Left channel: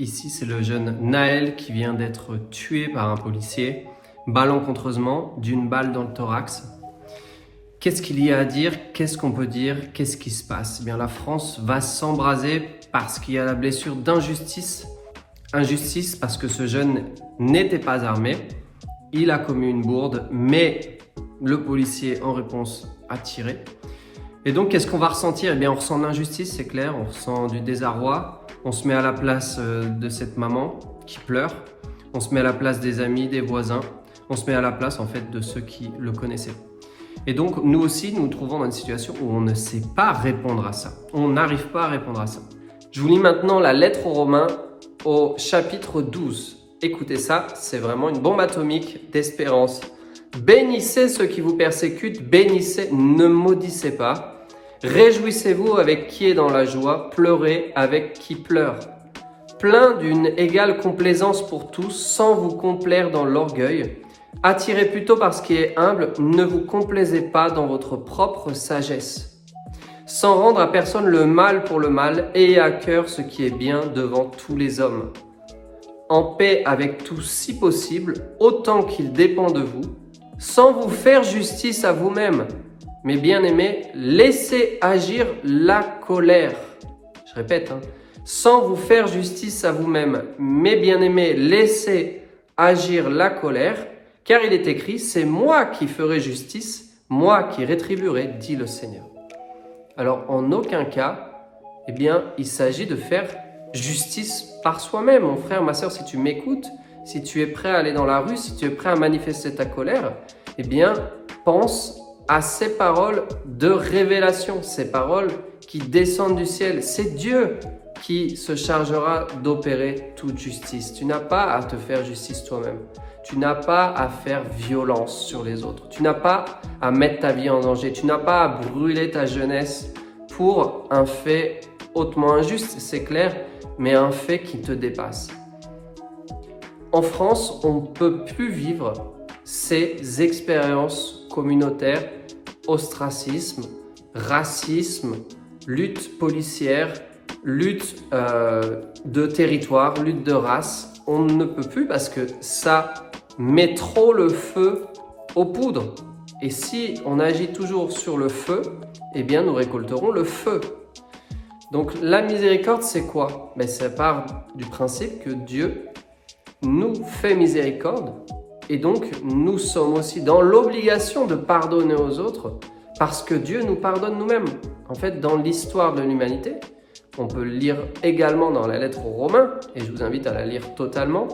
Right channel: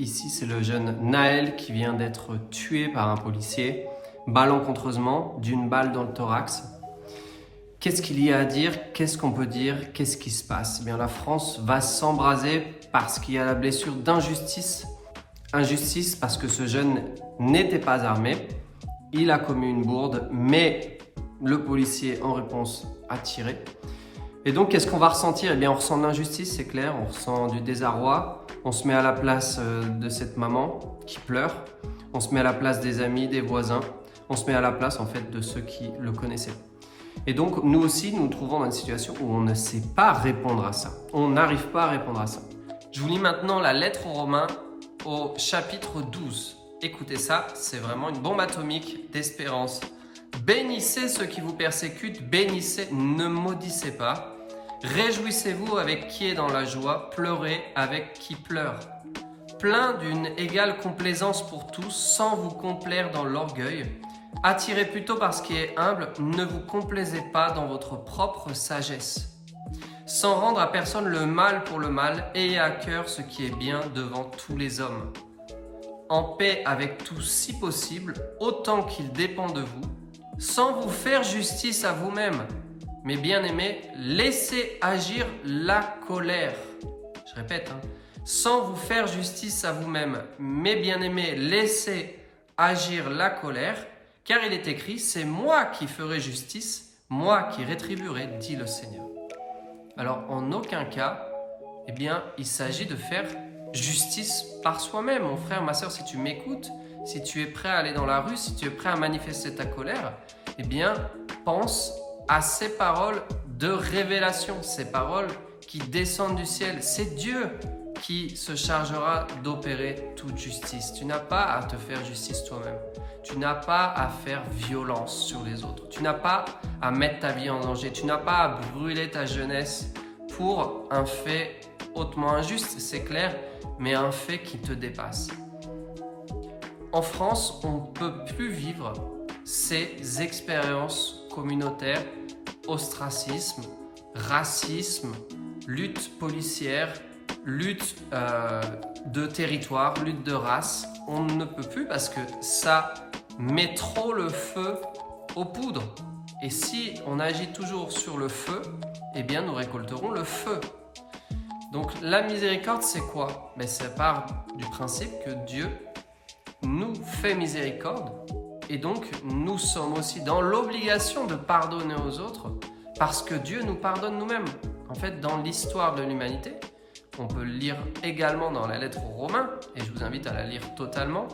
Ici, c'est le jeune Naël qui vient d'être tué par un policier, malencontreusement, d'une balle dans le thorax. Qu'est-ce qu'il y a à dire? Qu'est-ce qu'on peut dire? Qu'est-ce qui se passe? Eh bien, la France va s'embraser parce qu'il y a la blessure d'injustice. Injustice parce que ce jeune n'était pas armé. Il a commis une bourde, mais le policier, en réponse, a tiré. Et donc, qu'est-ce qu'on va ressentir? Eh bien, on ressent de l'injustice, c'est clair. On ressent du désarroi. On se met à la place de cette maman qui pleure. On se met à la place des amis, des voisins. On se met à la place, en fait, de ceux qui le connaissaient. Et donc, nous aussi, nous nous trouvons dans une situation où on ne sait pas répondre à ça. On n'arrive pas à répondre à ça. Je vous lis maintenant la lettre aux Romains au chapitre 12. Écoutez ça, c'est vraiment une bombe atomique d'espérance. Bénissez ceux qui vous persécutent, bénissez, ne maudissez pas. Réjouissez-vous avec qui est dans la joie, pleurez avec qui pleure. Plein d'une égale complaisance pour tous, sans vous complaire dans l'orgueil. Attirez plutôt par ce qui est humble, ne vous complaisez pas dans votre propre sagesse. Sans rendre à personne le mal pour le mal, ayez à cœur ce qui est bien devant tous les hommes. En paix avec tous si possible, autant qu'il dépend de vous, sans vous faire justice à vous-même. Mes bien-aimés, laissez agir la colère. Je répète, sans vous faire justice à vous-même. Mes bien-aimés, laissez agir la colère, car il est écrit, c'est moi qui ferai justice, moi qui rétribuerai, dit le Seigneur. Alors, en aucun cas, eh bien, il s'agit de faire justice par soi-même. Mon frère, ma sœur, si tu m'écoutes, si tu es prêt à aller dans la rue, si tu es prêt à manifester ta colère, eh bien, pense à ces paroles de révélation, ces paroles qui descendent du ciel. C'est Dieu qui se chargera d'opérer toute justice. Tu n'as pas à te faire justice toi-même. Tu n'as pas à faire violence sur les autres. Tu n'as pas à mettre ta vie en danger. Tu n'as pas à brûler ta jeunesse pour un fait hautement injuste, c'est clair, mais un fait qui te dépasse. En France, on ne peut plus vivre ces expériences communautaires, ostracisme, racisme, lutte policière, lutte de territoire, lutte de race. On ne peut plus parce que ça met trop le feu aux poudres. Et si on agit toujours sur le feu, eh bien nous récolterons le feu. Donc la miséricorde, c'est quoi? Ça part du principe que Dieu nous fait miséricorde et donc nous sommes aussi dans l'obligation de pardonner aux autres parce que Dieu nous pardonne nous-mêmes. En fait, dans l'histoire de l'humanité, on peut le lire également dans la lettre aux Romains, et je vous invite à la lire totalement,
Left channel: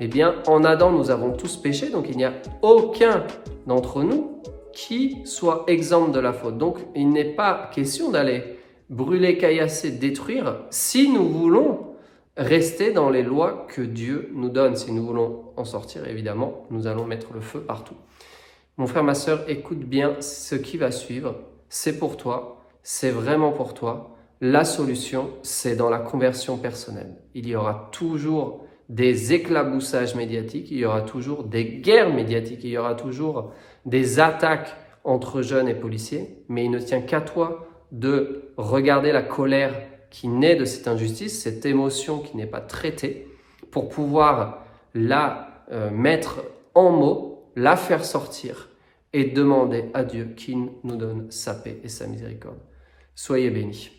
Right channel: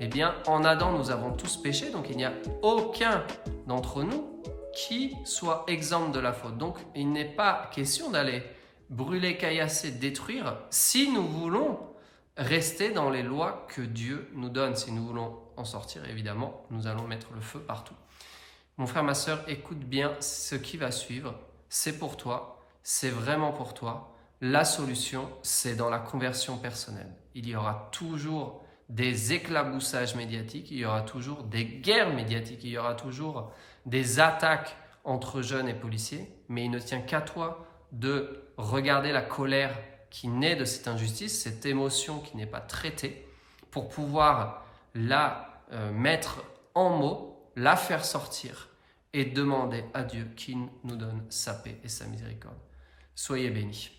eh bien, en Adam, nous avons tous péché, donc il n'y a aucun d'entre nous qui soit exempt de la faute. Donc, il n'est pas question d'aller brûler, caillasser, détruire si nous voulons rester dans les lois que Dieu nous donne. Si nous voulons en sortir, évidemment, nous allons mettre le feu partout. Mon frère, ma sœur, écoute bien ce qui va suivre. C'est pour toi, c'est vraiment pour toi. La solution, c'est dans la conversion personnelle. Il y aura toujours des éclaboussages médiatiques, il y aura toujours des guerres médiatiques, il y aura toujours des attaques entre jeunes et policiers, mais il ne tient qu'à toi de regarder la colère qui naît de cette injustice, cette émotion qui n'est pas traitée, pour pouvoir la mettre en mots, la faire sortir et demander à Dieu qu'il nous donne sa paix et sa miséricorde. Soyez bénis.